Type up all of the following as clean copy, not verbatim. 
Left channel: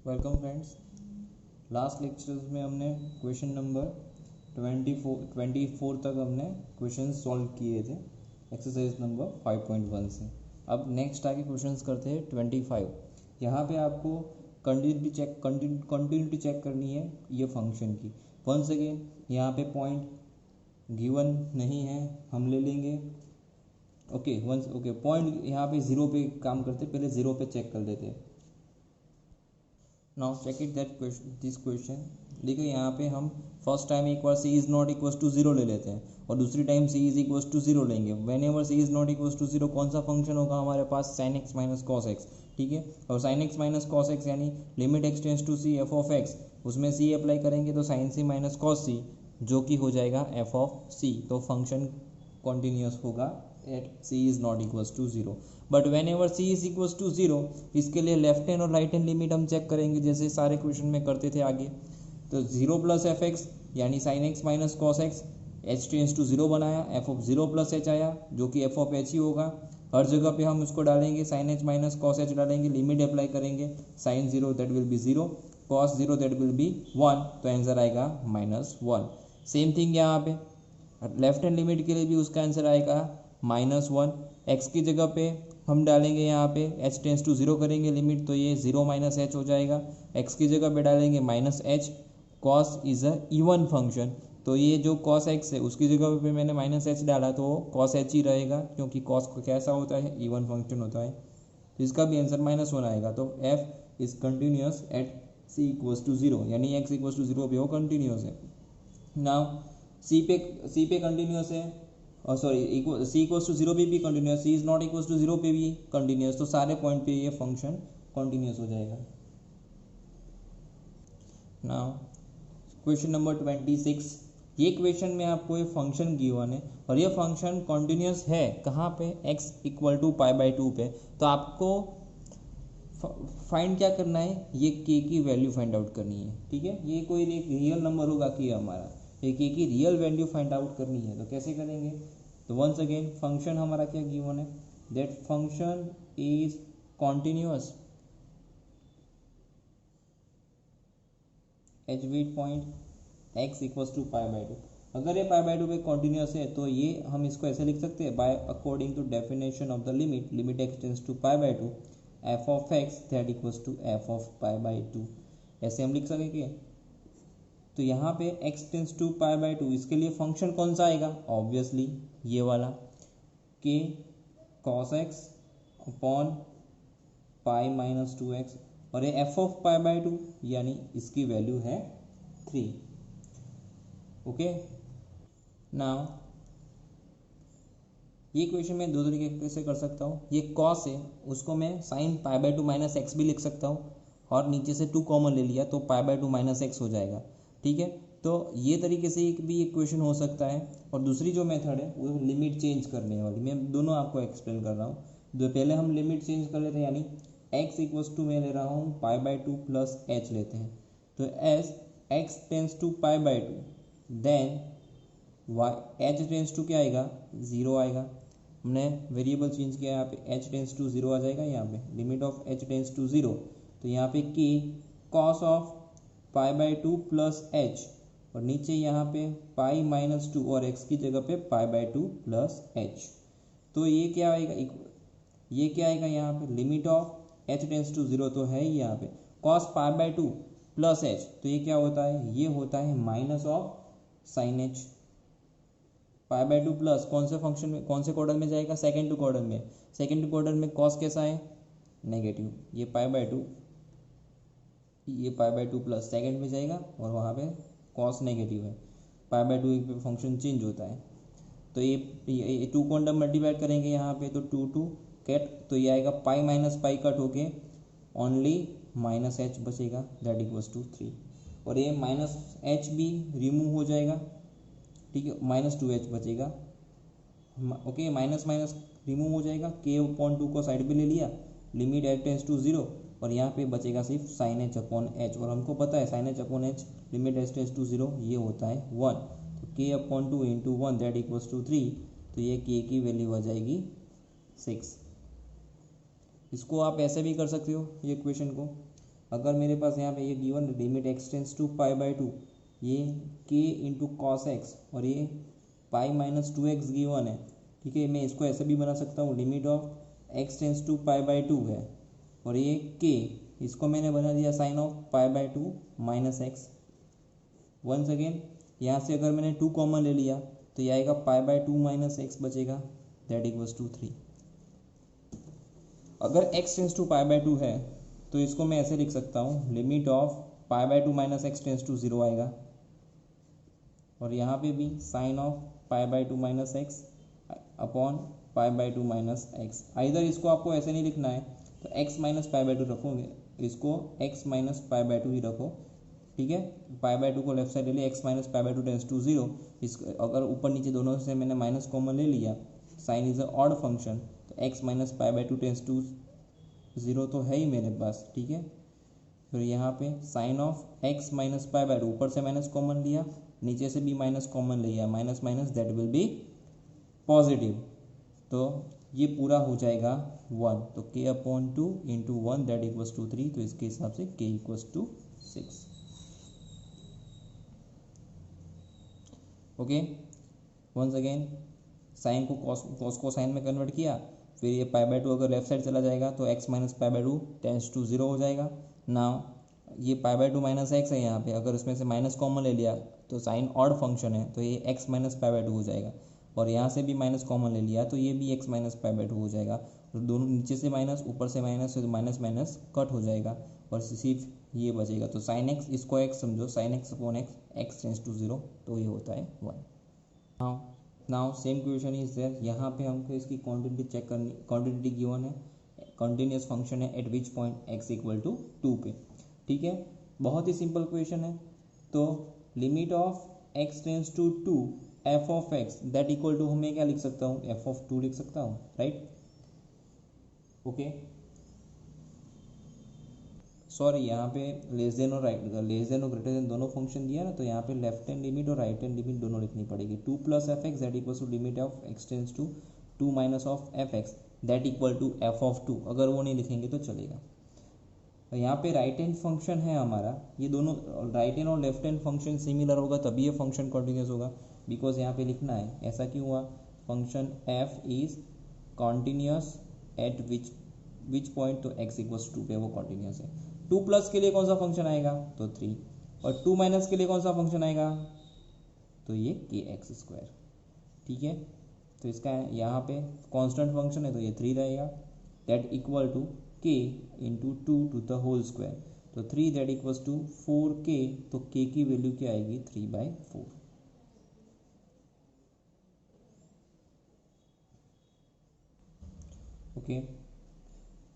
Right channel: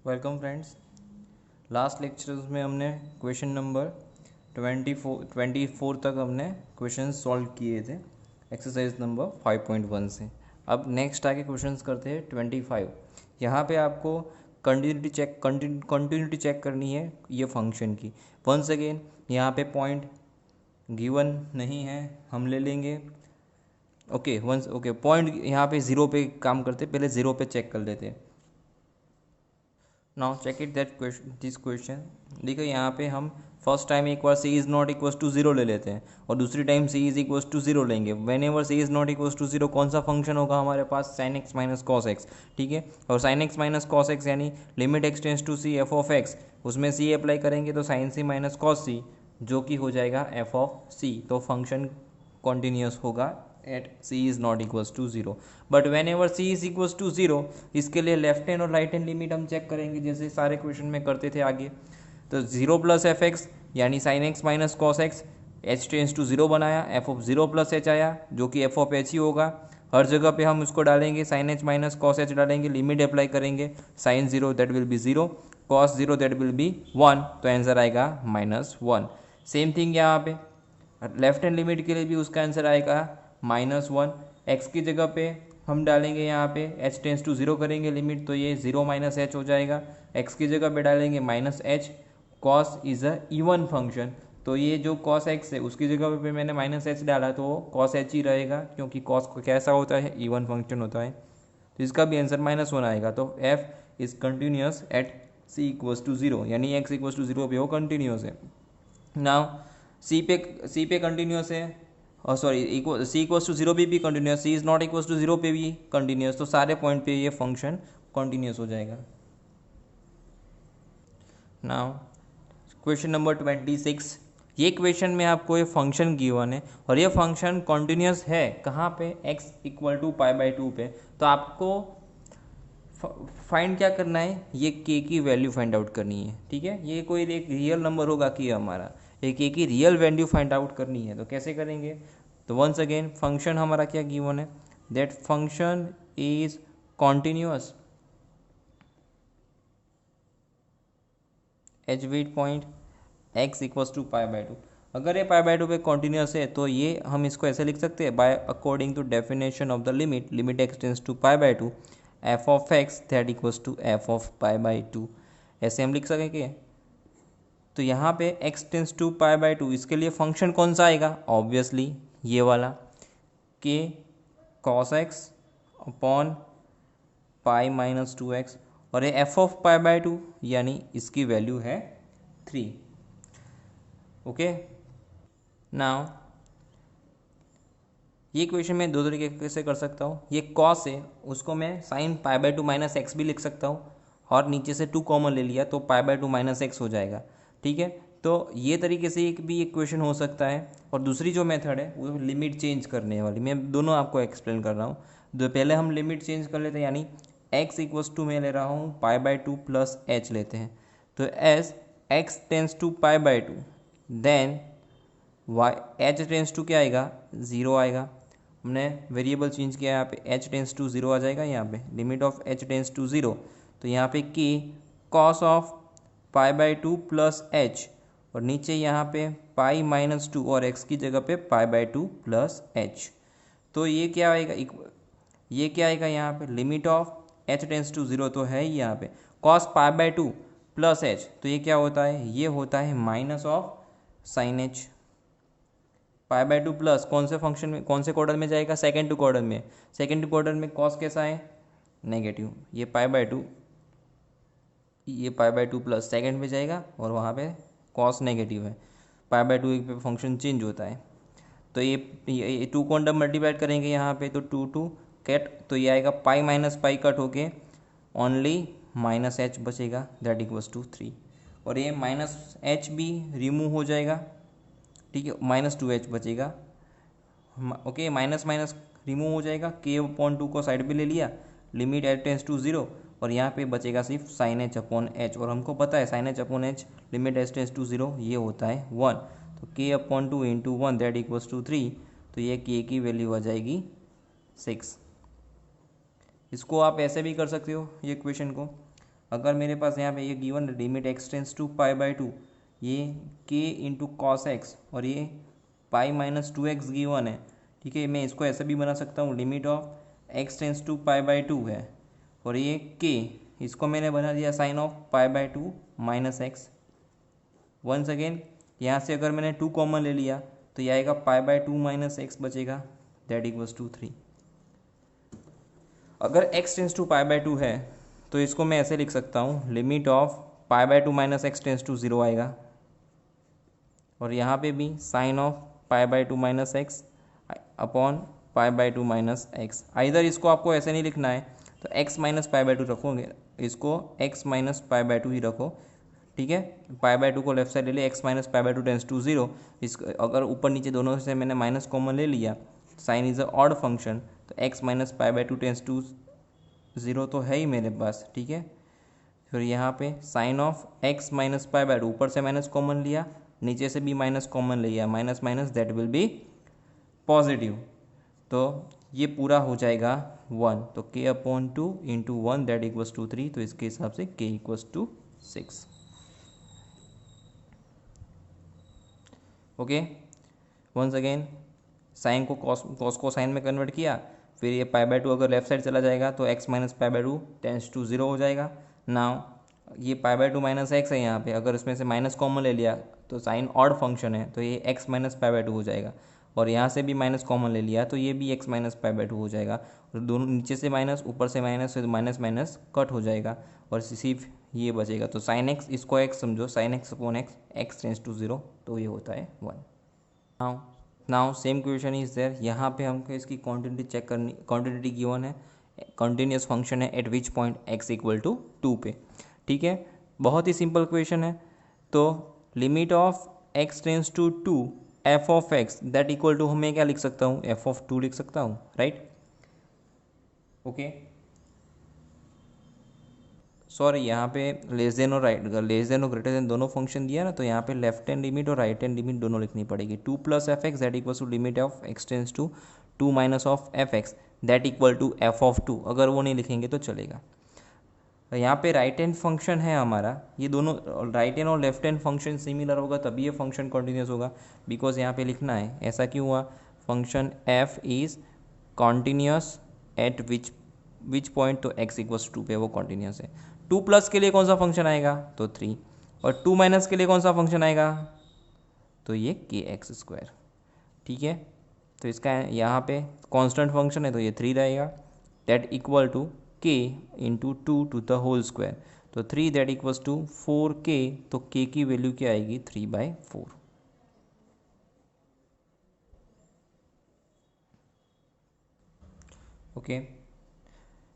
Welcome friends. Last lectures में हमने question number 24 तक हमने क्वेश्चन सॉल्व किए थे एक्सरसाइज नंबर 5.1 से। अब नेक्स्ट आगे क्वेश्चंस करते हैं 25। यहाँ पे आपको कंटिन्यूटी चेक करनी है ये फंक्शन की। वंस अगेन यहाँ पे पॉइंट गिवन नहीं है, हम ले लेंगे। ओके पॉइंट यहाँ पे ज़ीरो पे काम करते, पहले ज़ीरो पे चेक कर लेते हैं। Now check it that question, this question देखो यहाँ पे हम फर्स्ट टाइम एक बार c is not equal to zero ले लेते हैं और दूसरी time c is equal to zero लेंगे। Whenever c is not equal to zero कौन सा फंक्शन होगा हमारे पास? Sine x minus cos x, ठीक है। और sine x minus cos x यानी limit x tends to C F of X, उसमें सी अप्लाई करेंगे तो sine C minus cos C जो कि हो जाएगा एफ ऑफ सी। तो फंक्शन कॉन्टिन्यूस होगा at C is not equals to zero. But whenever C is equals to zero, इसके लिए लेफ्ट हैंड और राइट हैंड लिमिट हम चेक करेंगे जैसे सारे क्वेश्चन में करते थे आगे। तो जीरो प्लस एफ एक्स यानी sine x minus cos X, H tends to zero बनाया, F of zero plus H आया जो कि एफ ऑफ एच ही होगा। हर जगह पे हम उसको डालेंगे, sine H minus cos H डालेंगे, लिमिट अप्लाई करेंगे, sine zero that will be zero, cos zero that will be one, तो आंसर आएगा -1। सेम थिंग यहाँ पे लेफ्ट हैंड लिमिट के लिए भी उसका आंसर आएगा -1। एक्स की जगह पे हम डालेंगे यहाँ पे एच टेंस टू जीरो करेंगे लिमिट, तो ये जीरो माइनस एच हो जाएगा। एक्स की जगह पे डालेंगे -h, cos is a even function, तो ये जो कॉस एक्स है उसकी जगह पे मैंने -h डाला तो कॉस एच ही रहेगा क्योंकि कॉस को कैसा होता है? इवन फंक्शन होता है। तो इसका भी आंसर -1 आएगा। तो F is continuous at C equals to zero, यानी एक्स इक्वल्स टू जीरो पे वो कंटिन्यूस है। नाउ सी पे कंटिन्यूस है, और sorry equal C equals to zero पे भी continuous, C is not equals to zero पे भी कंटिन्यूस, तो सारे पॉइंट पे ये फंक्शन कंटिन्यूस हो जाएगा। नाउ क्वेश्चन नंबर 26, ये क्वेश्चन में आपको ये फंक्शन गिवन है और ये फंक्शन कंटिन्यूस है कहाँ पे? x इक्वल टू π/2 पे। तो आपको फाइंड क्या करना है? ये k की वैल्यू फाइंड आउट करनी है, ठीक है। ये कोई एक रियल नंबर होगा कि हमारा एक k की रियल वैल्यू फाइंड आउट करनी है, तो कैसे करेंगे? तो वंस अगेन फंक्शन हमारा क्या गिवन है? That function is continuous at point x equals to π/2। अगर ये π/2 पे कॉन्टिन्यूस है तो ये हम इसको ऐसे लिख सकते हैं, by according to definition of the limit x tends to π/2 f of x that equals to F of π/2, ऐसे हम लिख सकेंगे। तो यहाँ पे x टेंस टू π/2 इसके लिए फंक्शन कौन सा आएगा? ऑब्वियसली ये वाला k cos x upon π-2x, और ये एफ ऑफ π/2 यानी इसकी वैल्यू है 3। ओके, नाउ ये क्वेश्चन मैं दो तरीके से कर सकता हूँ। ये कॉस है उसको मैं साइन π/2 माइनस एक्स भी लिख सकता हूँ, और नीचे से 2 कॉमन ले लिया तो π/2 माइनस एक्स हो जाएगा, ठीक है। तो ये तरीके से एक क्वेश्चन हो सकता है। और दूसरी जो मेथड है वो लिमिट चेंज करने वाली, मैं दोनों आपको एक्सप्लेन कर रहा हूँ। तो पहले हम लिमिट चेंज कर लेते हैं, यानी x इक्वल्स टू मैं ले रहा हूँ π/2 प्लस एच लेते हैं। तो as x tends to π/2 then y h tends to क्या आएगा? ज़ीरो आएगा। हमने वेरिएबल चेंज किया, यहाँ पे h टेंस टू जीरो आ जाएगा। यहाँ पे limit of h tends to zero, तो यहाँ पे की कॉस ऑफ π/2 प्लस एच, और नीचे यहाँ पे π-2 और x की जगह पे π/2 प्लस एच। तो ये क्या आएगा? ये क्या आएगा? यहाँ पे limit of h tends to zero तो है ही यहाँ पे, कॉस π/2 प्लस एच, तो ये क्या होता है? ये होता है minus of sine h. π/2 plus कौन से फंक्शन में, कौन से क्वाड्रेंट में जाएगा? सेकेंड टू क्वाड्रेंट में। सेकेंड टू क्वाड्रेंट में कॉस कैसा है? नेगेटिव। ये π/2 प्लस सेकेंड में जाएगा और वहाँ पे कॉस नेगेटिव है। π/2 पे फंक्शन चेंज होता है। तो ये 2 को अंडर मल्टीप्लाई करेंगे यहाँ पे, तो 2 कैट, तो ये आएगा π-π कट होके ओनली -h बचेगा दैट इक्वल्स टू 3, और ये -h भी रिमूव हो जाएगा, ठीक है। -2h बचेगा। ओके, माइनस माइनस रिमूव हो जाएगा, k/2 को साइड पे ले लिया, limit h tends to zero, और यहाँ पे बचेगा सिर्फ साइन h अपॉन h, और हमको पता है sine h upon h limit h tends to zero ये होता है 1, तो k/2 into 1 that equals to 3, तो ये k की वैल्यू आ जाएगी 6। इसको आप ऐसे भी कर सकते हो ये क्वेश्चन को, अगर मेरे पास यहाँ पे ये given limit x tends to pi by two, ये के इंटू कॉस एक्स और ये pi minus two X given है, ठीक है। मैं इसको ऐसा भी बना सकता हूँ, limit of x tends to pi by two है और ये के, इसको मैंने बना दिया sine of pi by two minus X. Once again यहाँ से अगर मैंने टू कॉमन ले लिया तो ये आएगा pi by two minus X बचेगा, दैट इक्वल्स टू 3। अगर X tends to pi by two है तो इसको मैं ऐसे लिख सकता हूँ, limit of pi by two minus X tends to 0 आएगा और यहाँ पे भी sine of pi by two minus X upon pi by two minus X. Either इसको आपको ऐसे नहीं लिखना है तो x minus pi by two रखोगे, इसको x minus pi by two ही रखो, ठीक है। पाई बाई टू को लेफ्ट साइड ले लिया, x minus pi by two tends to 0। इस अगर ऊपर नीचे दोनों से मैंने माइनस कॉमन ले लिया, sine is a odd function, तो x minus pi by two tends to 0 तो है ही मेरे पास, ठीक है। फिर यहाँ पे sine of x minus pi by two, ऊपर से माइनस कॉमन लिया, नीचे से भी माइनस कॉमन लिया, minus minus that will be positive, तो ये पूरा हो जाएगा 1। तो k upon two into 1 that equals to 3, तो इसके हिसाब से k equals to 6। Okay, once again sine को कॉस को साइन में कन्वर्ट किया, फिर ये पाई बाई टू अगर लेफ्ट साइड चला जाएगा तो x minus pi by two tends to 0 हो जाएगा। नाउ ये pi by two minus X है यहाँ पे, अगर इसमें से माइनस कॉमन ले लिया तो साइन ऑड फंक्शन है तो ये x minus pi by two हो जाएगा, और यहाँ से भी माइनस कॉमन ले लिया तो ये भी x minus pi by two हो जाएगा, और दोनों नीचे से माइनस ऊपर से माइनस, तो माइनस माइनस कट हो जाएगा और सिर्फ ये बचेगा। तो साइन एक्स, इसको एक्स समझो, sine X upon X, X tends to 0, तो ये होता है 1। Now same question is there, यहाँ पे हमको इसकी क्वांटिटी चेक करनी, क्वांटिटी गिवन है, कंटिन्यूस फंक्शन है at which point X equal to 2 पे, ठीक है। बहुत ही सिंपल क्वेश्चन है। तो limit of x tends to 2 F of x that equal to, हमें क्या लिख सकता हूँ, एफ ऑफ 2 लिख सकता हूँ, राइट। ओके, सॉरी यहाँ पे लेस देन और राइट, लेस देन और ग्रेटर देन दोनों फंक्शन दिया ना, तो यहाँ पे लेफ्ट हैंड लिमिट और राइट हैंड लिमिट दोनों लिखनी पड़ेगी। 2 plus F x that equal to limit of x tends to 2 minus of F x that equal to F of 2, अगर वो नहीं लिखेंगे तो चलेगा। तो यहाँ पे राइट हैंड फंक्शन है हमारा, ये दोनों राइट हैंड और लेफ्ट हैंड फंक्शन सिमिलर होगा तभी ये फंक्शन कॉन्टिन्यूस होगा, बिकॉज यहाँ पे लिखना है, ऐसा क्यों हुआ, function F is continuous eight which point, तो एक्स इक्वल्स 2 पे वो कॉन्टिन्यूस है। 2 प्लस के लिए कौन सा फंक्शन आएगा, तो 3, और 2 माइनस के लिए कौन सा फंक्शन आएगा, तो ये के एक्स स्क्वायर, ठीक है। तो इसका यहाँ पे कांस्टेंट फंक्शन है तो ये 3 रहेगा, दैट इक्वल टू के into 2 to the whole square, तो 3 दैट इक्वल्स टू 4k, तो k की वैल्यू क्या आएगी, 3/4। ओके,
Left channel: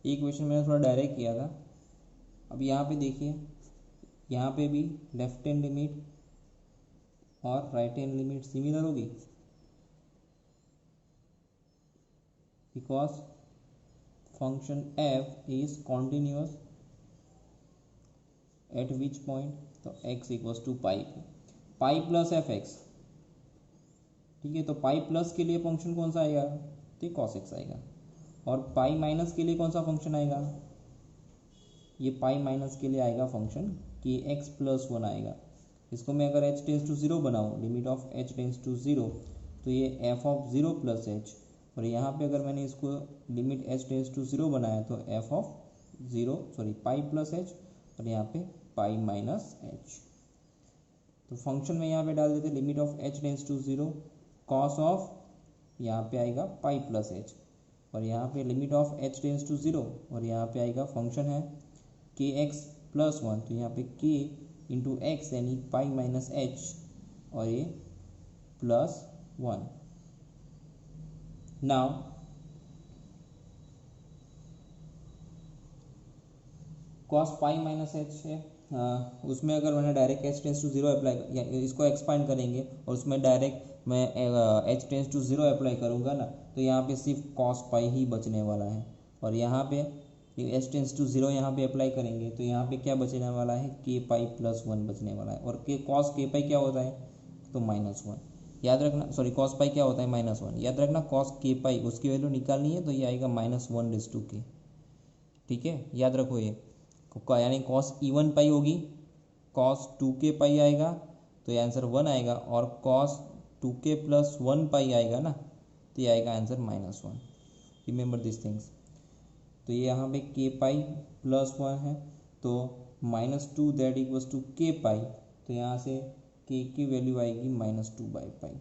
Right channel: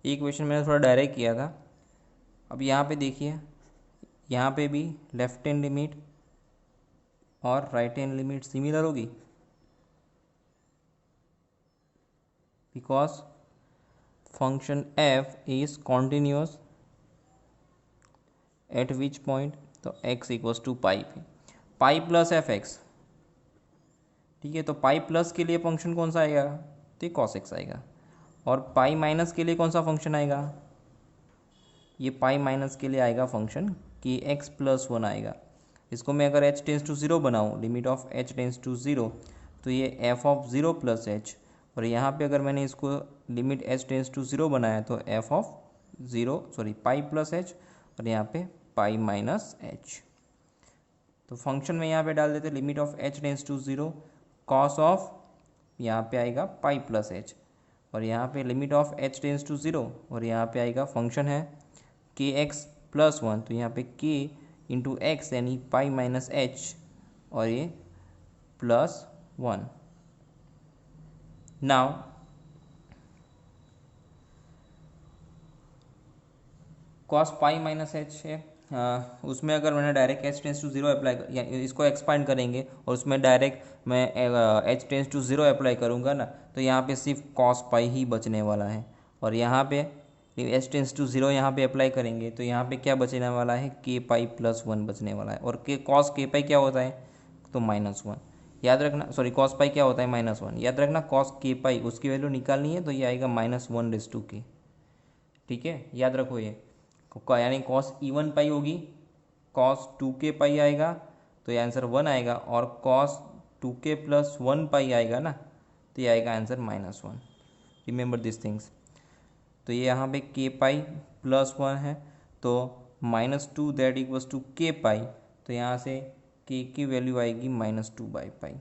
ये क्वेश्चन मैंने थोड़ा डायरेक्ट किया था। अब यहाँ पे देखिए, यहाँ पे भी लेफ्ट हैंड लिमिट और राइट हैंड लिमिट सिमिलर होगी, because function f is continuous eight which point, तो x इक्वल्स टू पाई पे, पाई प्लस एफ एक्स, ठीक है। तो पाई प्लस के लिए फंक्शन कौन सा आएगा, तो कॉस एक्स आएगा, और पाई माइनस के लिए कौन सा फंक्शन आएगा, ये पाई माइनस के लिए आएगा फंक्शन के एक्स प्लस 1 आएगा। इसको मैं अगर h टेंस टू 0 बनाऊँ, limit of h tends to 0, तो ये f ऑफ 0 प्लस h, और यहाँ पे अगर मैंने इसको लिमिट h टेंस टू 0 बनाया तो f of 0 sorry pi plus h, और यहाँ पे पाई माइनस h। तो फंक्शन में यहाँ पे डाल देते limit of h tends to 0 cos of, यहाँ पे आएगा पाई प्लस h, और यहाँ पे limit of h tends to 0, और यहाँ पे आएगा फंक्शन है के एक्स प्लस 1, तो यहाँ पे k इंटू एक्स यानी पाई माइनस h, और ये plus 1। Now cos pi minus h है, उसमें अगर मैंने direct h tends to 0 apply, इसको एक्सपांड करेंगे और उसमें डायरेक्ट मैं h टेंस टू 0 अप्लाई करूँगा ना, तो यहाँ पे सिर्फ कॉस पाई ही बचने वाला है, और यहाँ पे h टेंस टू 0 यहाँ पे अप्लाई करेंगे तो यहाँ पे क्या बचने वाला है, k पाई प्लस 1 बचने वाला है, और k कॉस k पाई क्या होता है, तो -1 याद रखना, सॉरी कॉस पाई क्या होता है, -1 याद रखना, कॉस k पाई उसकी वैल्यू निकालनी है तो ये आएगा -1/k, ठीक है, याद रखो ये यानी कॉस इवन पाई होगी, कॉस 2k पाई आएगा, तो ये आंसर 1 आएगा, और कॉस 2k प्लस 1 पाई आएगा ना, तो ये आएगा आंसर -1। Remember this things. तो ये यहाँ पे k पाई प्लस 1 है, तो -2 दैट इक्वल्स टू k पाई, तो यहाँ से k की वैल्यू आएगी -2/पाई।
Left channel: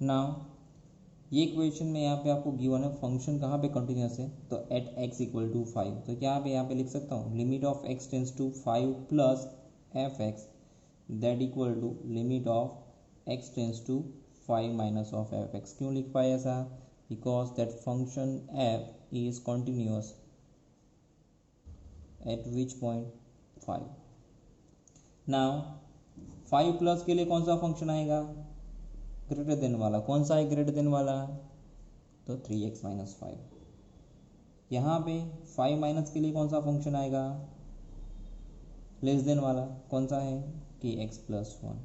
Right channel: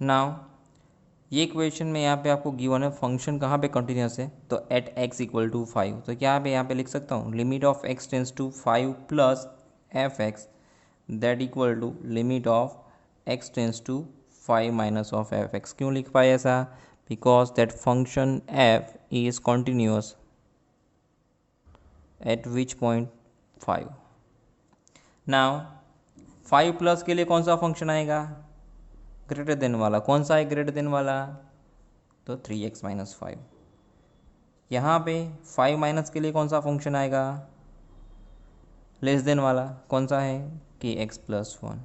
नाउ ये क्वेश्चन में यहाँ पे आपको गिवन है फंक्शन कहाँ पे कंटिन्यूस है, तो एट x इक्वल टू 5, तो क्या यहाँ पे लिख सकता हूँ limit of x tends to 5 plus F x that equal to limit of x tends to 5 minus of F x. क्यों लिख पाए ऐसा? Because that function f is continuous at which point 5। Now 5 plus के लिए कौन सा function आएगा? Greater than वाला। कौन सा है ग्रेटर देन वाला? तो 3x माइनस 5। यहाँ पे 5 माइनस के लिए कौन सा फंक्शन आएगा? लेस देन वाला। कौन सा है? kx plus 1।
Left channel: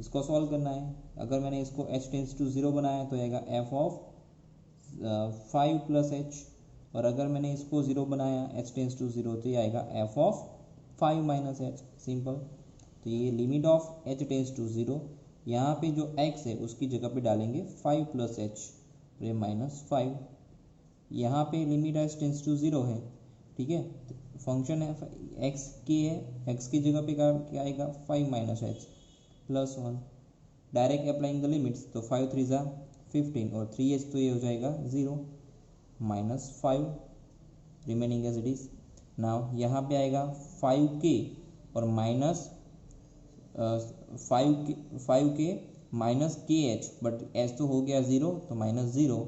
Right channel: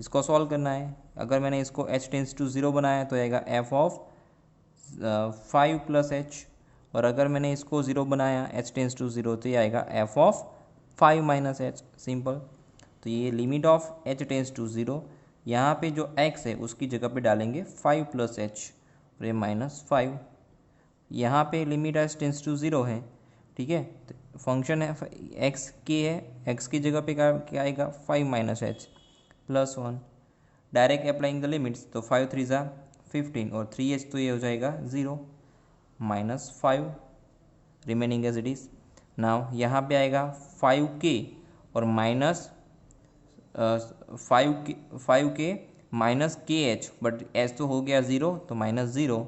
इसको सॉल्व करना है। अगर मैंने इसको h टेंस टू 0 बनाया तो आएगा f ऑफ 5 प्लस h, और अगर मैंने इसको 0 बनाया h टेंस टू 0 तो ये आएगा f of 5 minus h। Simple. तो ये limit of h tends to 0, यहाँ पे जो x है उसकी जगह पे डालेंगे 5 प्लस h और ये -5। यहाँ पे लिमिट h टेंस टू 0 है, ठीक है। फंक्शन है x k है, x की जगह पे क्या आएगा? 5 minus h plus 1। Direct applying the limits, तो 5 3 ज़ा 15 और 3h, तो ये हो जाएगा 0 -5 remaining as it is. Now यहाँ पे आएगा 5k और -5k minus KH, but h तो हो गया 0, तो -0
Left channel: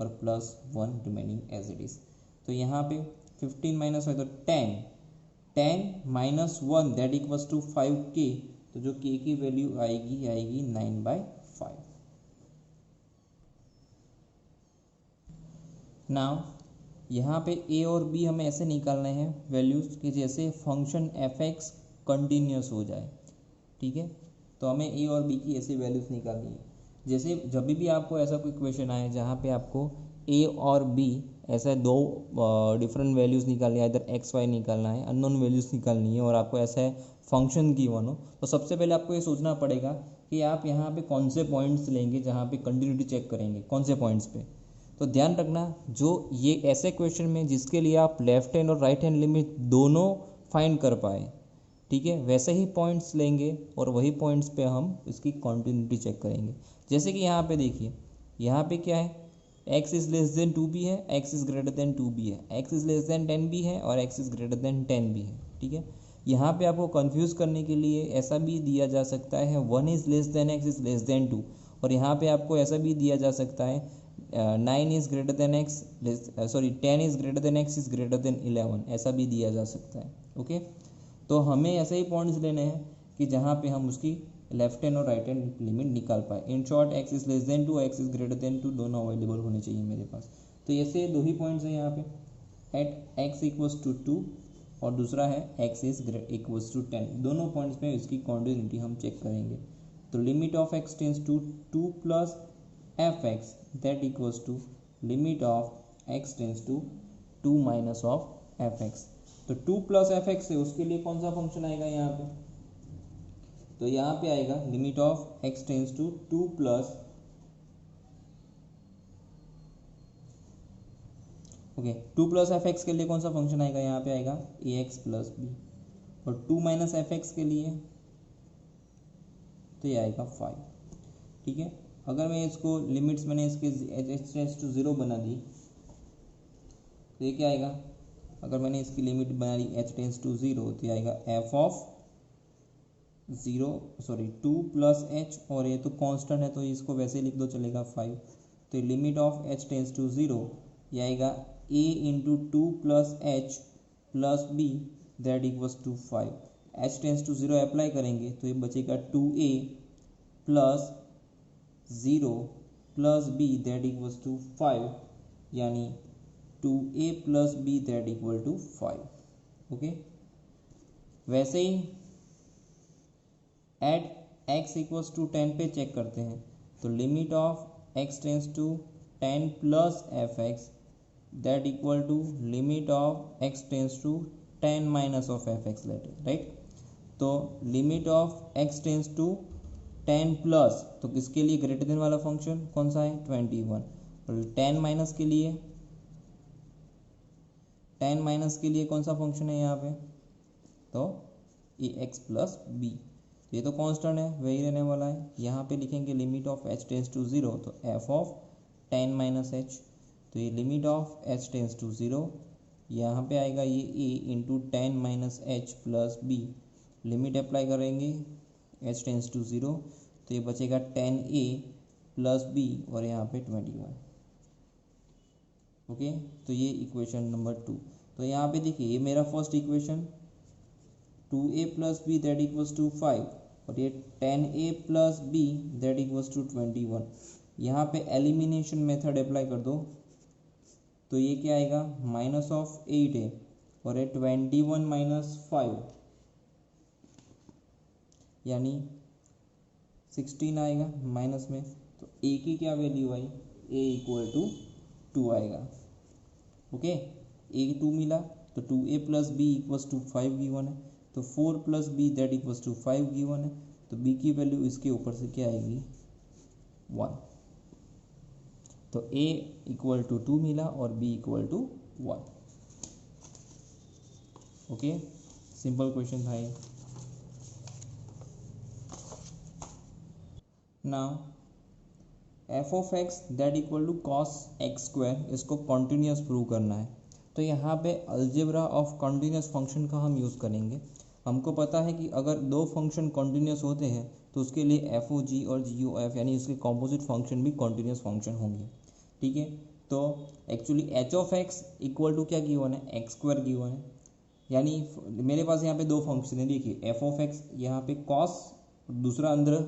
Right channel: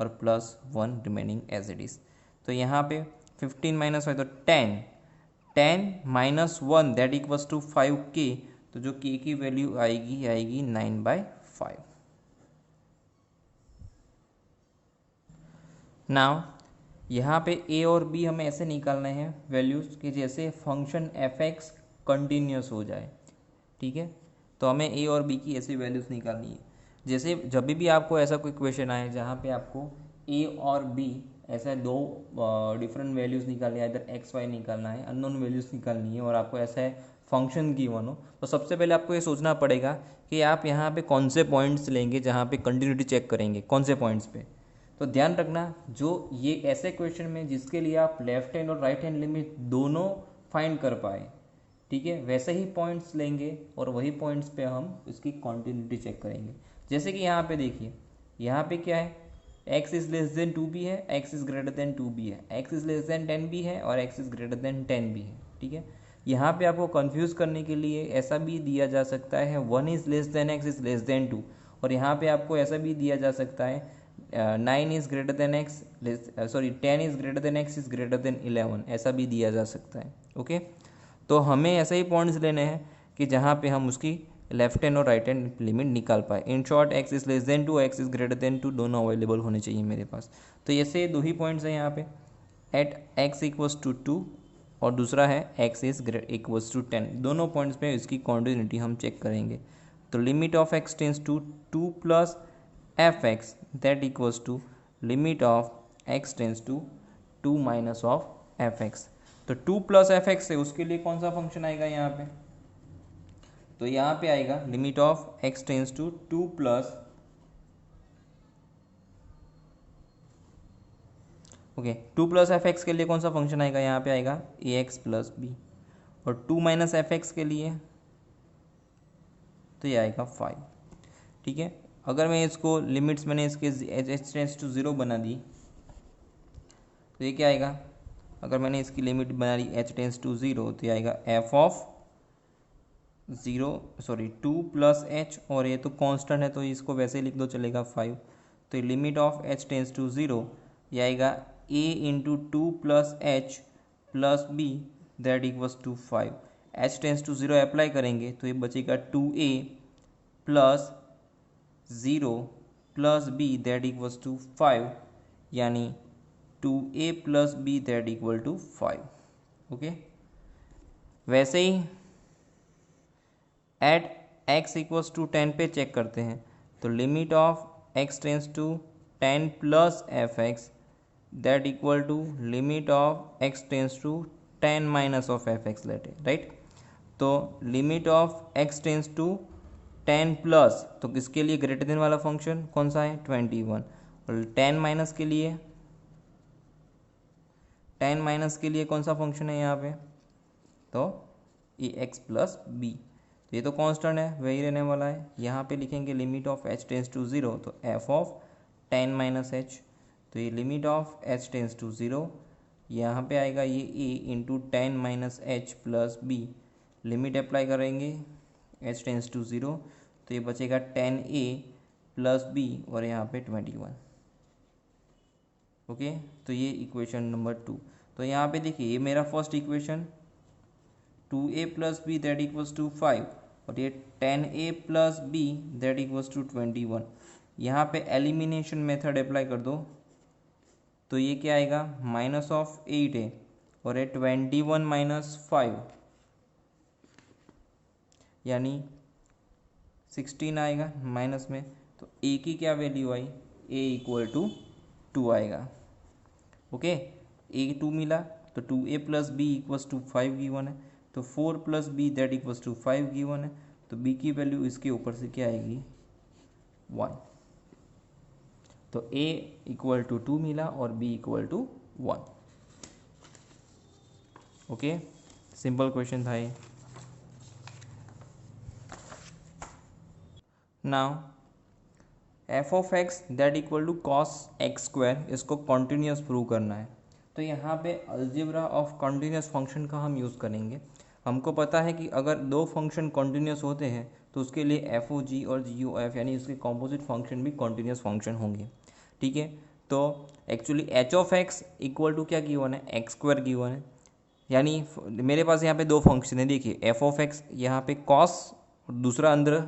और +1 रिमेनिंग एज इट इज़। तो यहाँ पे 15 माइनस 5 तो 10 minus 1 that equals to 5k, तो जो k की वैल्यू आएगी 9/5। नाउ यहाँ पे a और b हमें ऐसे निकालने हैं वैल्यूज़ कि जैसे फंक्शन f(x) कंटिन्यूस हो जाए, ठीक है। तो हमें a और b की ऐसी वैल्यूज़ निकालनी है। जैसे जब भी आपको ऐसा कोई क्वेश्चन आए जहाँ पे आपको a और b ऐसा दो डिफरेंट वैल्यूज़ निकालनी है, इधर x y निकालना है, अननोन वैल्यूज़ निकालनी है, और आपको ऐसा है फंक्शन गिवन हो, तो सबसे पहले आपको ये सोचना पड़ेगा कि आप यहाँ पे कौन से पॉइंट्स लेंगे जहाँ पे कंटिन्यूटी चेक करेंगे, कौन से पॉइंट्स पे। तो ध्यान रखना, जो ये ऐसे क्वेश्चन में जिसके लिए आप लेफ्ट हैंड और राइट हैंड लिमिट दोनों फाइंड कर पाए, ठीक है, वैसे ही पॉइंट्स लेंगे और वही पॉइंट्स पे हम इसकी कॉन्टिन्यूटी चेक करेंगे। जैसे कि यहाँ पे देखिए, यहाँ पे क्या है, x is less than 2b है, x is greater than 2b है, x is less than 10b है और x is greater than 10b है, ठीक है। यहाँ पे आपको कंफ्यूज करने के लिए ऐसा भी दिया जा सकता है 1 is less than x is less than 2, और यहाँ पे आपको ऐसा भी दिया जा सकता है 9 is greater than x 10 is greater than x is greater than 11, ऐसा भी दिया जा सकता है। ओके, तो हमें ऐसे ही पॉइंट्स लेने हैं कि जहाँ पे हम उसकी लेफ्ट हैंड और राइट हैंड लिमिट निकाल पाए। In short x is less than 2, x is greater than 2 दोनों अवेलेबल होने चाहिए मेरे पास। तो ऐसे दो ही पॉइंट्स हैं यहाँ पे, एट x इक्वल्स टू 2 और दूसरा है x इज़ इक्वल्स टू 10। दोनों पॉइंट्स पे इसकी कॉन्टिन्यूटी हम चेक करेंगे। तो limit of x tends to 2 plus F x that equals to limit of x tends to 2 minus of F x. तो 2 प्लस एफ एक्स है, उसके लिए कौन सा फंक्शन आएगा यहाँ पे? तो यहाँ पे आएगा limit of x tends to 2 plus two plus F x के लिए कौन सा फंक्शन आएगा? यहाँ पे आएगा ax प्लस बी, और 2 माइनस एफ एक्स के लिए तो ये आएगा 5, ठीक है। अगर मैं इसको लिमिट्स मैंने इसके h टेंस टू 0 बना दी तो ये क्या आएगा? अगर मैंने इसकी लिमिट बना ली h टेंस टू 0 तो ये आएगा f ऑफ 2 प्लस h, और ये तो कांस्टेंट है तो इसको वैसे ही लिख दो चलेगा 5। तो limit of h tends to 0 ये आएगा a into 2 plus h plus b that equals to 5। h tends to 0 apply करेंगे तो ये बचेगा 2a plus 0 plus b that equals to 5, यानी 2a plus b that equal to 5। Okay, वैसे ही at x equals to 10 पे check करते हैं। तो limit of x tends to 10 plus F x that equal to limit of x tends to 10 minus of F x let it, right. तो limit of x tends to 10 plus, तो किसके लिए greater than वाला function कौन सा है 21, और 10 minus के लिए 10 माइनस के लिए कौन सा फंक्शन है यहाँ पे, तो ए एक्स प्लस बी, तो ये तो कांस्टेंट है वही रहने वाला है। यहाँ पे लिखेंगे limit of h tends to 0, तो एफ ऑफ 10 माइनस एच, तो ये limit of h tends to 0, यहाँ पे आएगा ये a into 10 minus h plus b, limit apply करेंगे एच टेंस टू 0, तो ये बचेगा 10a प्लस बी और यहाँ पे 21। ओके, तो ये इक्वेशन नंबर 2। तो यहाँ पे देखिए ये मेरा first equation 2a plus b that equals to 5, और ये 10a plus b that equals to 21। यहाँ पे एलिमिनेशन मेथड अप्लाई कर दो, तो ये क्या आएगा माइनस ऑफ 8a और ये 21 माइनस 5 यानी 16 आएगा माइनस में, तो a की क्या वैल्यू आई, a इक्वल टू 2 आएगा। ओके, a 2 मिला, तो 2a plus b equals to 5 given है, तो 4 plus b that equals to 5 given है, तो b की वैल्यू इसके ऊपर से क्या आएगी 1, तो a इक्वल टू 2 मिला और b equal to 1। Okay, simple question था ये। Now f of x that equal to cos x square, इसको कॉन्टिन्यूस प्रूव करना है, तो यहाँ पे अलजेब्रा ऑफ कॉन्टिन्यूस फंक्शन का हम यूज़ करेंगे। हमको पता है कि अगर दो फंक्शन कॉन्टिन्यूस होते हैं तो उसके लिए एफ ओ जी और जी ओ एफ यानी उसके कॉम्पोजिट फंक्शन भी कॉन्टिन्यूस फंक्शन होंगे, ठीक है। तो actually h of x equal to क्या गिवन है एक्स स्क्वायर गिवन है, यानी मेरे पास यहाँ पे दो फंक्शन है, देखिए एफ ऑफ एक्स यहाँ पे कॉस, दूसरा अंदर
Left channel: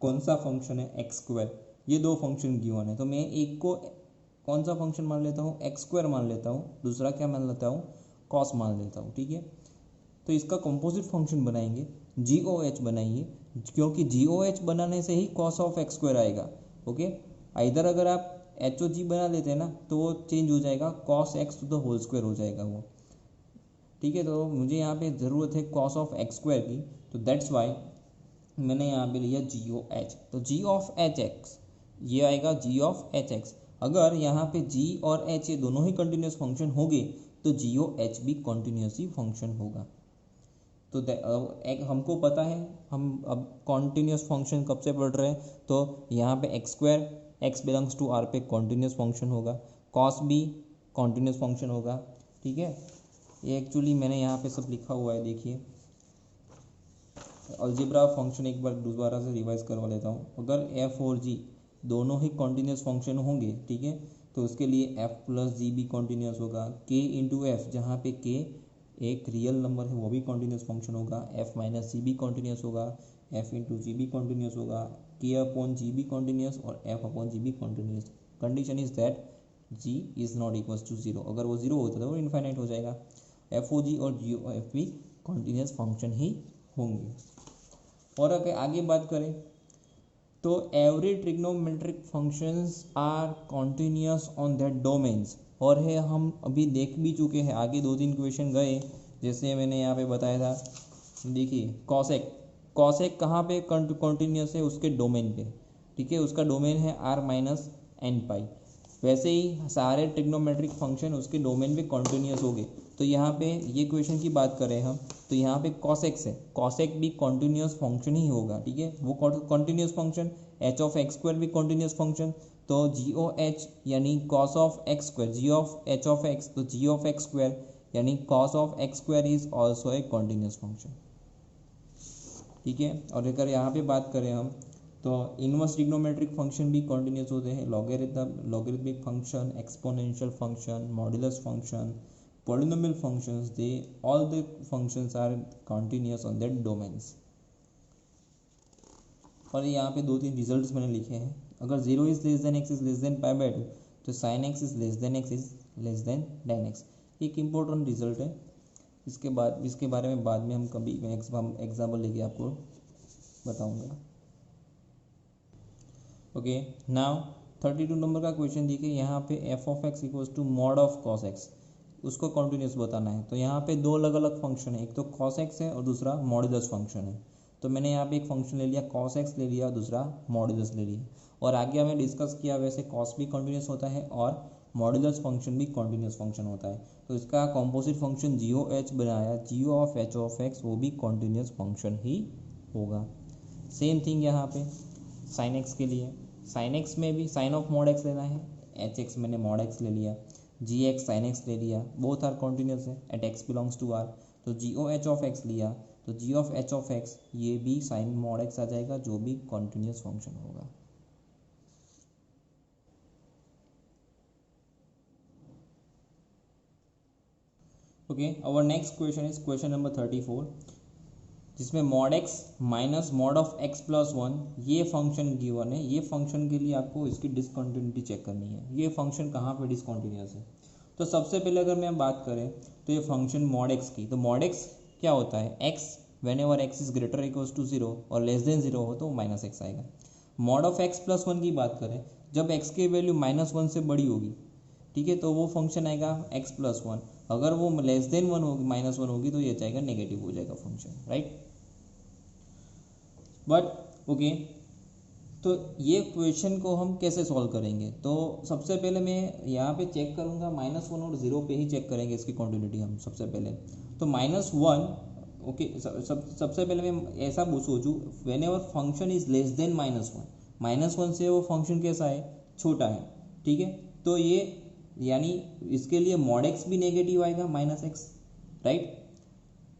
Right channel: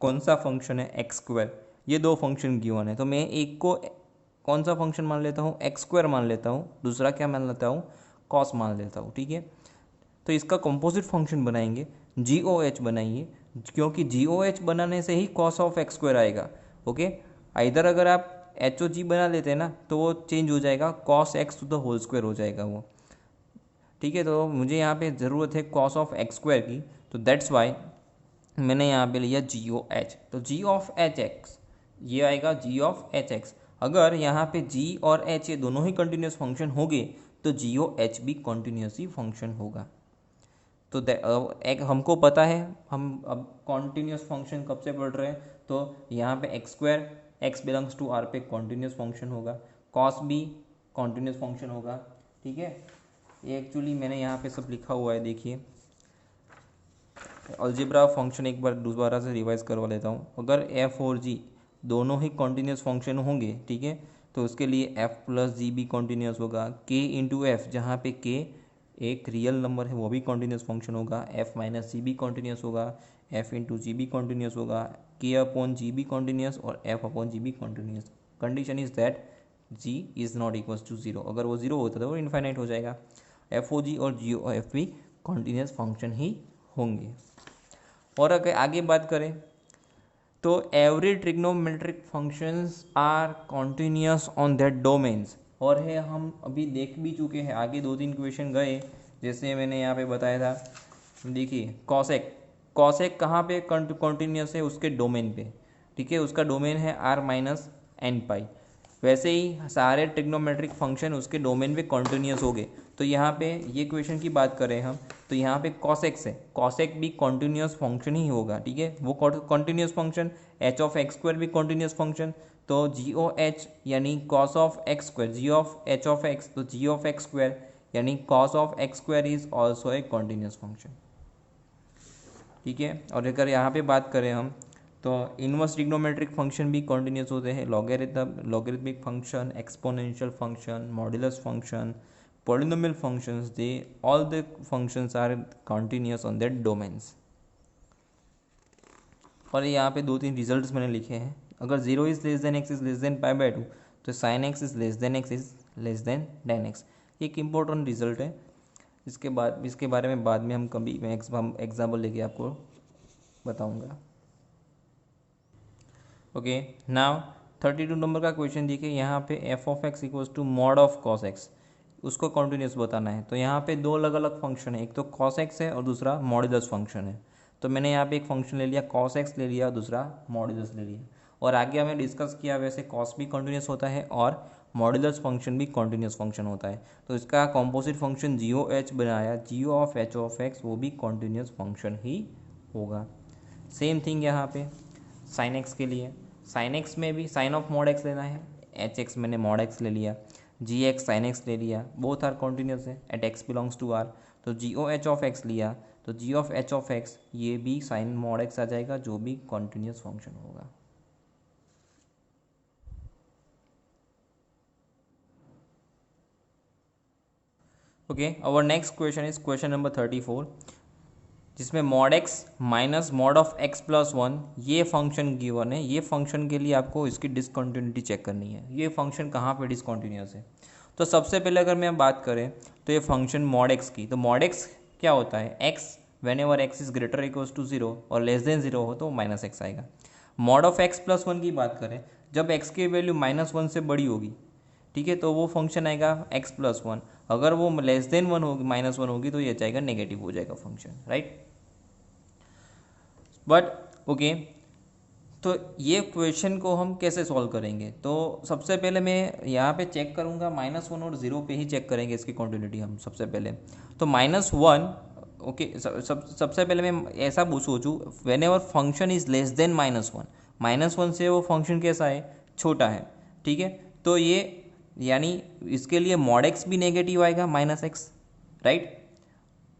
कौन सा फंक्शन है एक्स स्क्वायर, ये दो फंक्शन गिवन है, तो मैं एक को कौन सा फंक्शन मान लेता हूँ एक्स स्क्वायर मान लेता हूँ, दूसरा क्या मान लेता हूँ कॉस मान लेता हूँ, ठीक है। तो इसका कंपोजिट फंक्शन बनाएंगे, जी ओ एच बनाइए, क्योंकि जी ओ एच बनाने से ही कॉस ऑफ एक्स स्क्वायर आएगा। ओके, इधर अगर आप एच ओ जी बना लेते हैं ना तो वो चेंज हो जाएगा, cos x to the whole square हो जाएगा वो, ठीक है। तो मुझे यहाँ पे ज़रूरत है कॉस ऑफ एक्स स्क्वायर की, तो दैट्स वाई मैंने यहाँ पे लिया जी ओ एच, तो जी ऑफ एच एक्स ये आएगा जी ऑफ एच एक्स। अगर यहाँ पे जी और एच ये दोनों ही कंटिन्यूस फंक्शन होंगे तो जी ओ एच भी कंटिन्यूस ही फंक्शन होगा। तो एक हमको पता है, हम अब कॉन्टिन्यूस फंक्शन कब से पढ़ रहे हैं, तो यहाँ पे x square x belongs to R पे कॉन्टिन्यूस फंक्शन होगा, कॉस भी कॉन्टिन्यूस फंक्शन होगा, ठीक है। ये एक्चुअली मैंने यहाँ पे सब लिखा हुआ है, देखिए अलजेब्रा फंक्शन एक बार दोबारा से रिवाइज करवा लेता हूँ। अगर एफ और जी दोनों ही कॉन्टिन्यूस फंक्शन होंगे, ठीक है, तो उसके लिए एफ प्लस जी भी कॉन्टिन्यूस होगा, के इंटू एफ जहाँ पे के एक रियल नंबर है वो भी कॉन्टिन्यूस फंक्शन होगा, एफ माइनस सी भी कॉन्टिन्यूस होगा, एफ इंटू जी भी कॉन्टिन्यूस होगा, के अपॉन जी भी कॉन्टिन्यूस और एफ अपॉन जी भी continuous. Condition is that g is not equals to zero, अगर वो जीरो होता तो वो इन्फाइनाइट हो जाएगा। एफ ओ जी और जी ओ एफ भी कॉन्टिन्यूस फंक्शन ही होंगे। और अगर आगे बात करें तो every trigonometric functions are continuous on that domains, और है हम अभी देख भी चुके हैं, आगे 2-3 क्वेश्चन गए, जैसे मैंने यहाँ पे बताया था, देखिए कॉसेक, कॉसेक कहाँ पे कॉन्टिन्यूस है उसके डोमेन पे, ठीक है, उसका डोमेन है आर माइनस एन पाई। वैसे ही सारे ट्रिग्नोमेट्रिक फंक्शन उसके डोमेन पे कॉन्टिन्यूस हो गए। तो यहाँ पे ये क्वेश्चन की बात करें हम, तो यहाँ पे कॉसेक्स है, कॉसेक भी कॉन्टिन्यूस फंक्शन ही होगा, ठीक है, वो continuous function, h of x square भी कॉन्टिन्यूस फंक्शन, तो जी ओ एच यानी cos of x square, g of h of x, तो जी ऑफ एक्स स्क्वायर यानी cos of x square is also a continuous function, ठीक है। और अगर यहाँ पे बात करें हम तो इनवर्स ट्रिग्नोमेट्रिक फंक्शन भी कॉन्टिन्यूस होते हैं, logarithmic function, exponential function, modulus function, polynomial functions, they all the functions are continuous on that domains. और यहाँ पे 2-3 रिजल्ट्स मैंने लिखे हैं, अगर 0 is less then x is less than pi by 2, तो sine x is less then x is less then tan x, एक important result है। इसके बारे में बाद में हम कभी एग्जाम्पल लेके आपको बताऊंगा। ओके, नाउ 32 नंबर का क्वेश्चन देखिए, यहाँ पे f of x equals to mod of cos x, उसको कॉन्टिन्यूस बताना है। तो यहाँ पे दो अलग अलग फंक्शन है, एक तो कॉस एक्स है और दूसरा मॉड्यूलस फंक्शन है। तो मैंने यहाँ पे एक फंक्शन ले लिया कॉस एक्स ले लिया, दूसरा मॉड्यूलस ले लिया। और आगे हमें डिस्कस किया वैसे कॉस भी कॉन्टिन्यूस होता है और मॉड्यूलस फंक्शन भी कॉन्टिन्यूस फंक्शन होता है। तो इसका कॉम्पोजिट फंक्शन जी ओ एच बनाया, जी ओ ऑफ एच ऑफ एक्स, वो भी कॉन्टिन्यूस फंक्शन ही होगा। सेम थिंग यहाँ पे साइन एक्स के लिए, साइन एक्स में भी साइन ऑफ मॉड एक्स लेना है, एच एक्स मैंने मॉड एक्स ले लिया, जी एक्स साइन एक्स ले लिया, बोथ आर कॉन्टिन्यूस है at x belongs to R. तो g o h of x लिया, तो g of h of x ये भी साइन मॉड एक्स आ जाएगा, जो भी कॉन्टिन्यूस फंक्शन होगा। Okay, our next question is question number 34, जिसमें mod x minus mod of x plus one ये फंक्शन गिवन है। ये फंक्शन के लिए आपको इसकी डिसकंटिन्यूटी चेक करनी है, ये फंक्शन कहाँ पे डिसकंटिन्यूस है। तो सबसे पहले अगर मैं बात करें तो ये फंक्शन मॉड एक्स की, तो मॉड एक्स क्या होता है, x whenever x is greater equals to zero और लेस देन जीरो हो तो माइनस एक्स आएगा। Mod of x plus one की बात करें, जब एक्स की वैल्यू माइनस वन से बड़ी होगी, ठीक है, तो वो फंक्शन आएगा एक्स प्लस वन। अगर वो लेस देन वन होगी, माइनस वन होगी, तो ये जाएगा नेगेटिव हो जाएगा फंक्शन, राइट। बट ओके, तो ये क्वेश्चन को हम कैसे सॉल्व करेंगे, तो सबसे पहले मैं यहाँ पे चेक करूँगा माइनस वन और ज़ीरो पे ही चेक करेंगे इसकी क्वांटिटी हम सबसे पहले। तो माइनस वन, ओके, सबसे पहले मैं ऐसा सोचूँ, when ever function is less than minus one, minus one से वो फंक्शन कैसा है, छोटा है, ठीक है। तो ये यानी इसके लिए मॉड एक्स भी नेगेटिव आएगा माइनस एक्स, राइट।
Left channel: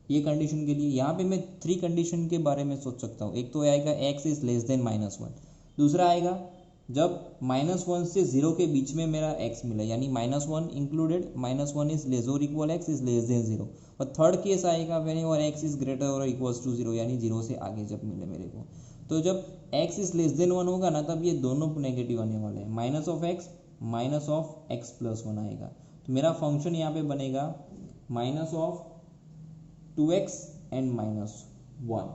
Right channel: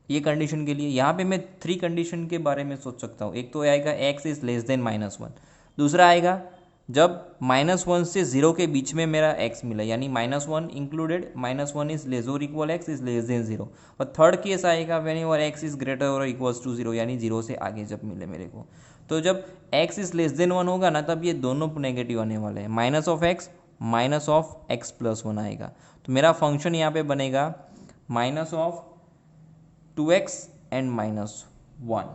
ये कंडीशन के लिए यहाँ पे मैं थ्री कंडीशन के बारे में सोच सकता हूँ। एक तो आएगा x is less than minus one, दूसरा आएगा जब माइनस वन से जीरो के बीच में मेरा एक्स मिला, यानी minus one included, minus one is less और equal x is less than zero. और थर्ड केस आएगा when your x is greater और इक्वल्स टू जीरो, यानी जीरो से आगे जब मिले मेरे को। तो जब x is less than one होगा ना, तब ये दोनों नेगेटिव आने वाले हैं, minus of x minus of x plus one आएगा। तो मेरा फंक्शन यहाँ पे बनेगा minus of 2x and minus 1,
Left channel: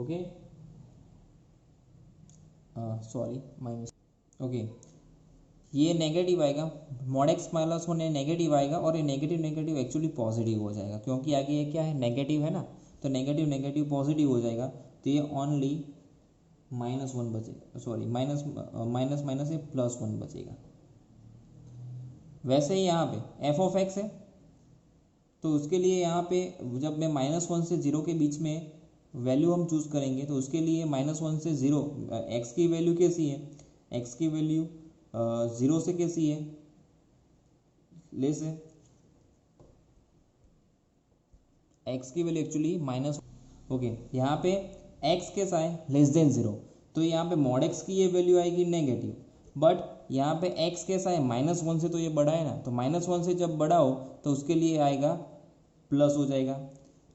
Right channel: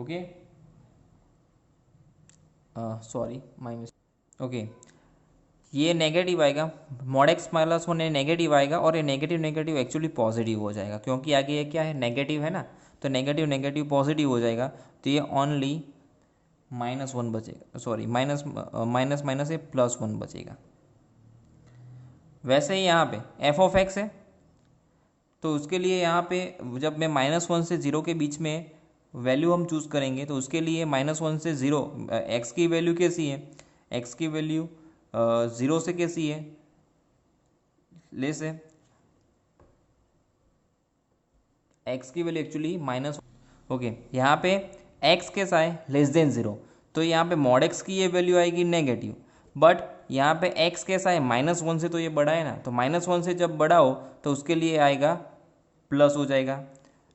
okay, sorry minus, okay, ये नेगेटिव आएगा, mod x minus one negative आएगा, और ये नेगेटिव नेगेटिव एक्चुअली पॉजिटिव हो जाएगा, क्योंकि आगे ये क्या है, नेगेटिव है ना, तो नेगेटिव नेगेटिव पॉजिटिव हो जाएगा। तो ये ओनली माइनस वन बचेगा, सॉरी माइनस माइनस माइनस ये प्लस वन बचेगा। वैसे ही यहाँ पे एफ ऑफ एक्स है, तो उसके लिए यहाँ पे जब मैं माइनस वन से ज़ीरो के बीच में वैल्यू हम चूज़ करेंगे, तो उसके लिए माइनस वन से ज़ीरो, एक्स की वैल्यू कैसी है, एक्स की वैल्यू ज़ीरो से कैसी है, लेस है, एक्स की वैल्यू एक्चुअली माइनस, ओके, यहाँ पे एक्स कैसा है, लेस देन ज़ीरो, तो यहाँ पे मॉड एक्स की ये वैल्यू आएगी नेगेटिव। बट यहाँ पे एक्स कैसा है, माइनस वन से तो ये बड़ा है ना, तो माइनस वन से जब बड़ा हो तो उसके लिए आएगा प्लस हो जाएगा,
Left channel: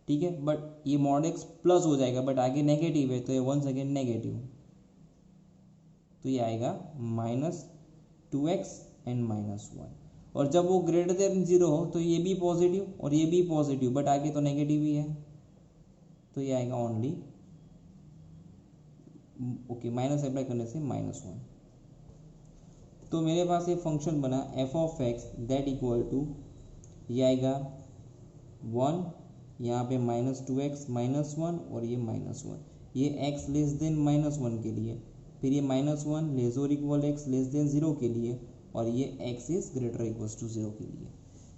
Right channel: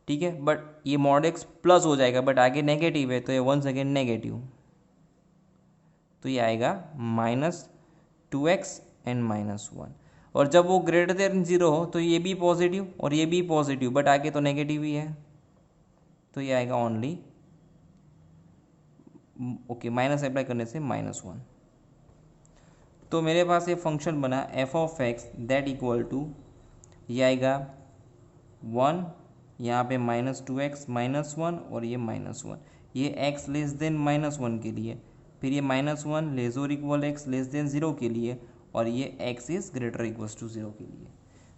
ठीक है। बट ये मॉड एक्स प्लस हो जाएगा, बट आगे नेगेटिव है, तो ये वन सेकेंड नेगेटिव, तो ये आएगा minus 2x and minus one. और जब वो ग्रेटर देन जीरो हो तो ये भी पॉजिटिव और ये भी पॉजिटिव, बट आगे तो नेगेटिव ही है, तो ये आएगा ओनली, ओके, माइनस अप्लाई करने से माइनस वन। तो मेरे पास ये फंक्शन बना f of x that equal to, ये आएगा वन, यहाँ पे माइनस 2x माइनस वन और ये माइनस वन, ये x less than minus one के लिए, फिर ये माइनस वन लेस और equal x less than zero के लिए, और ये x is greater equals to zero के लिए।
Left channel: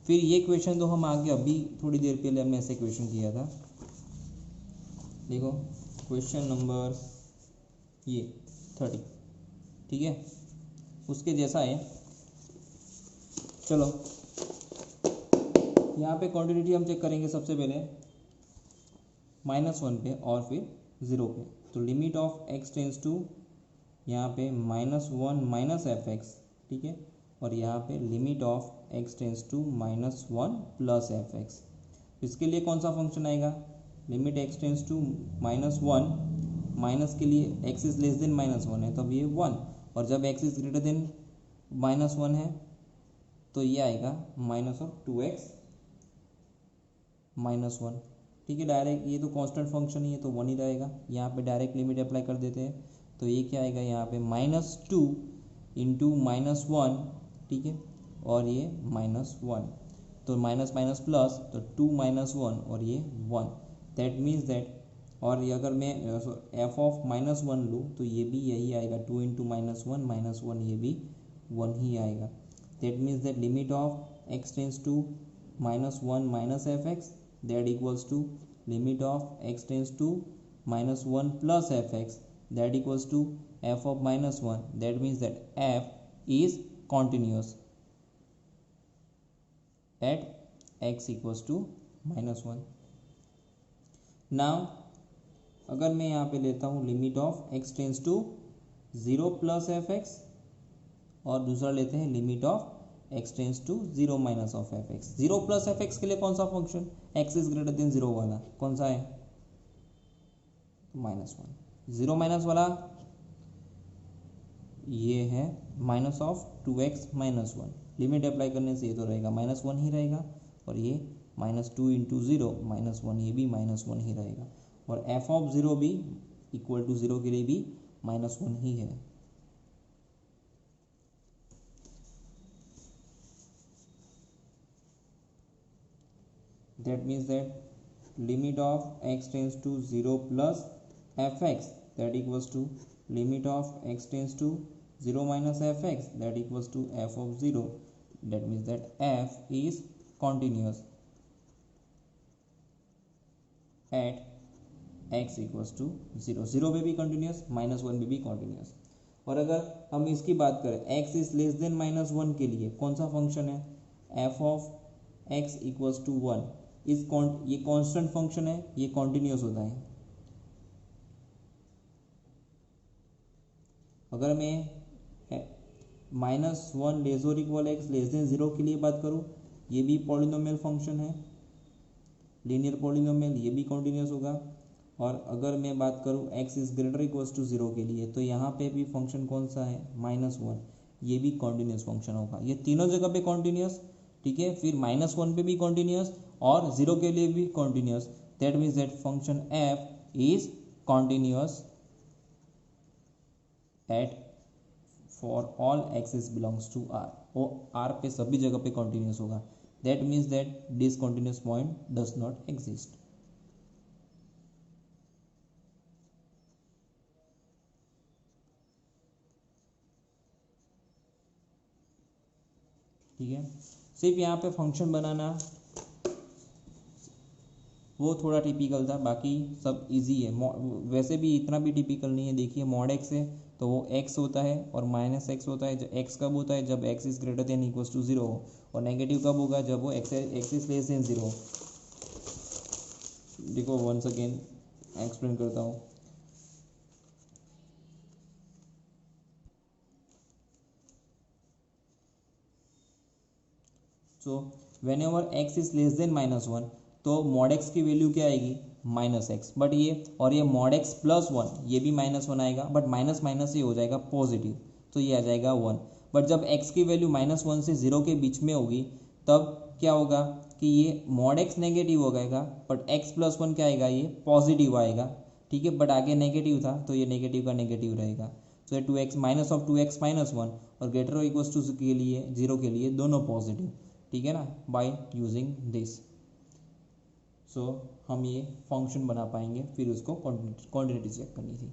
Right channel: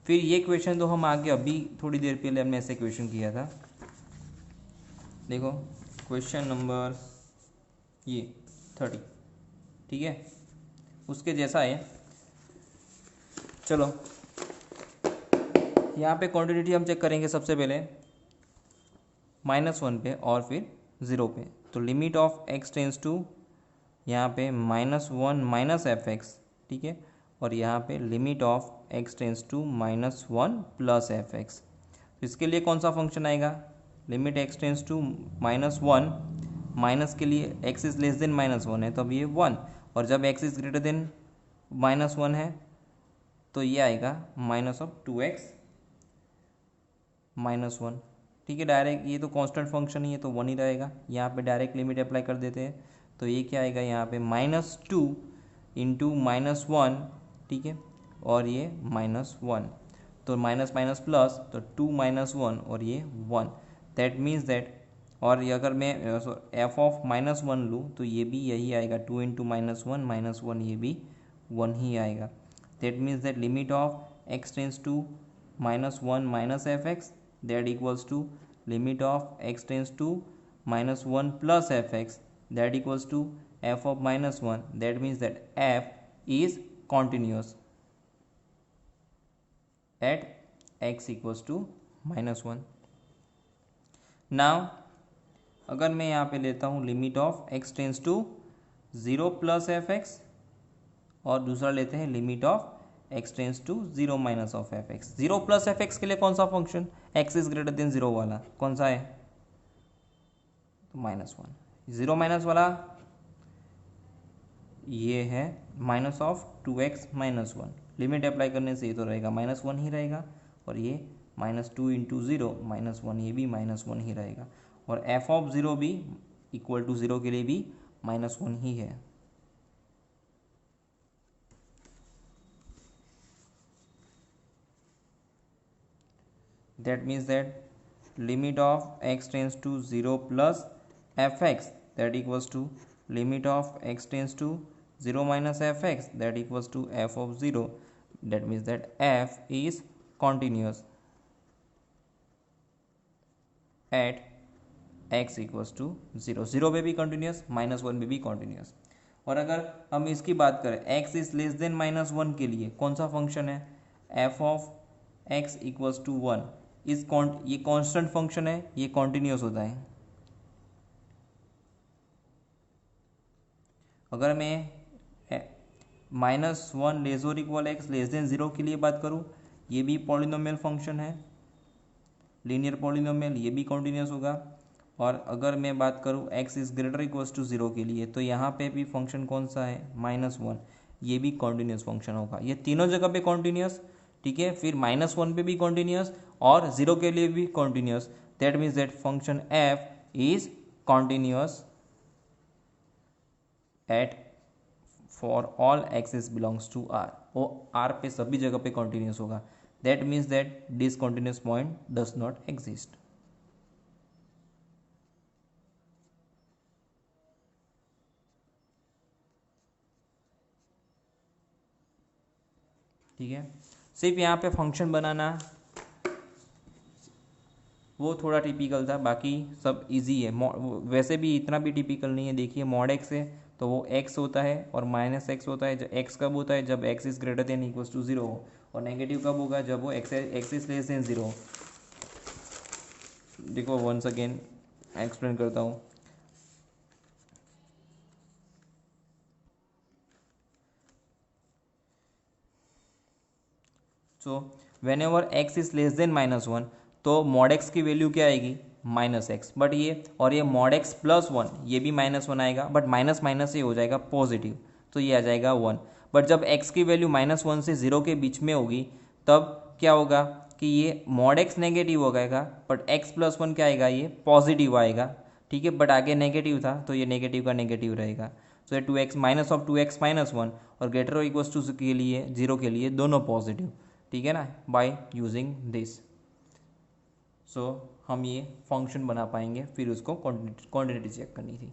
फिर ये क्वेश्चन तो हम आगे अभी थोड़ी देर पहले हमने ऐसे क्वेश्चन किया था, देखो क्वेश्चन नंबर ये 30, ठीक है, उसके जैसा है। चलो यहाँ पे क्वांटिटी हम चेक करेंगे सबसे पहले माइनस वन पे और फिर ज़ीरो पे। तो limit of x tends to यहाँ पे minus one minus f x, ठीक है, और यहाँ पे limit of x tends to minus one plus F x. इसके लिए कौन सा फंक्शन आएगा, limit x tends to minus one, minus के लिए x is less than minus one है, तो अब ये वन, और जब x is greater than minus one है तो ये आएगा minus of 2x minus one, ठीक है। डायरेक्ट ये तो कांस्टेंट फंक्शन ही है तो वन ही रहेगा, यहाँ पे डायरेक्ट लिमिट अप्लाई कर देते हैं, तो ये क्या आएगा यहाँ पे -2 इंटू -1, ठीक है, और ये -1, तो माइनस माइनस प्लस, तो 2 - 1 और ये 1, दैट मीन्स दैट, और ये अगर मैं f ऑफ -1 लूँ तो ये भी यही आएगा, 2 इंटू -1 ये भी 1 ही आएगा। That means that limit of x tends to -1 minus f x that equals to limit of x tends to -1 plus F x that equals to f of -1, that means that f is continuous at x equals to -1। Now अगर मैं यहाँ पे लेता हूँ limit of x tends to 0 plus F x, और दूसरा लेते हैं limit of x tends to 0 minus of F x. 0 plus F x के लिए कौन सा function, x is greater then 0 वाला कौन सा है, तो -1। 0 माइनस वाला ये है minus of 2x -1, limit apply करने से ये तो रहेगा -1 ही रहेगा, और ये -2 इंटू 0 -1, ये भी -1 ही रहेगा, और f ऑफ 0 भी इक्वल टू 0 के लिए भी -1 ही है। That means that limit of x tends to 0 plus F x that equals to limit of x tends to 0 minus fx that equals to f of 0, that means that f is continuous at x equals to 0, 0 पे भी continuous, -1 पे भी continuous। और अगर हम इसकी बात करें x इज लेस देन -1 के लिए कौन सा फंक्शन है, f of x equals to 1 is ये कांस्टेंट फंक्शन है, ये कॉन्टिन्यूस होता है। अगर मैं -1 लेस और इक्वल x लेस देन 0 के लिए बात करूँ, ये भी पॉलिनोमियल फंक्शन है, लीनियर पॉलिनोमियल, ये भी कॉन्टिन्यूस होगा। और अगर मैं बात करूँ x is greater equals to 0 के लिए, तो यहाँ पे भी फंक्शन कौन सा है, -1, ये भी कॉन्टिन्यूस फंक्शन होगा। ये तीनों जगह पे कॉन्टिन्यूस, ठीक है, फिर -1 पे भी कॉन्टिन्यूस और 0 के लिए भी continuous, that means that function f is continuous at for all x's belongs to R, वो R पे सभी जगह पे कॉन्टिन्यूस होगा। That means that discontinuous point does not exist. ठीक है, सिर्फ यहाँ पे फंक्शन बनाना वो थोड़ा टिपिकल था, बाकी सब इजी है। वैसे भी इतना भी टिपिकल नहीं है। देखिए मॉड एक्स है तो वो x होता है और -x होता है। जब x कब होता है, जब x is greater than equals to 0 हो, और नेगेटिव कब होगा, जब वो x इज लेस देन 0 हो। देखो वंस अगेन एक्सप्लेन करता हूँ। So when ever x is less then -1, तो मॉड x की वैल्यू क्या आएगी, -x, बट ये और ये मॉड x प्लस 1, ये भी -1 आएगा, बट माइनस माइनस ये हो जाएगा पॉजिटिव, तो ये आ जाएगा 1। बट जब x की वैल्यू -1 से 0 के बीच में होगी, तब क्या होगा कि ये मॉड x नेगेटिव हो जाएगा, बट x प्लस 1 क्या आएगा, ये पॉजिटिव आएगा। ठीक है, बट आगे नेगेटिव था तो ये नेगेटिव का नेगेटिव रहेगा। तो ये 2x माइनस ऑफ 2x -1 और ग्रेटर और इक्वल्स टू के लिए 0 के लिए दोनों पॉजिटिव। ठीक है ना, बाय यूजिंग दिस। सो हम ये फंक्शन बना पाएंगे, फिर उसको क्वांटिटी चेक करनी थी।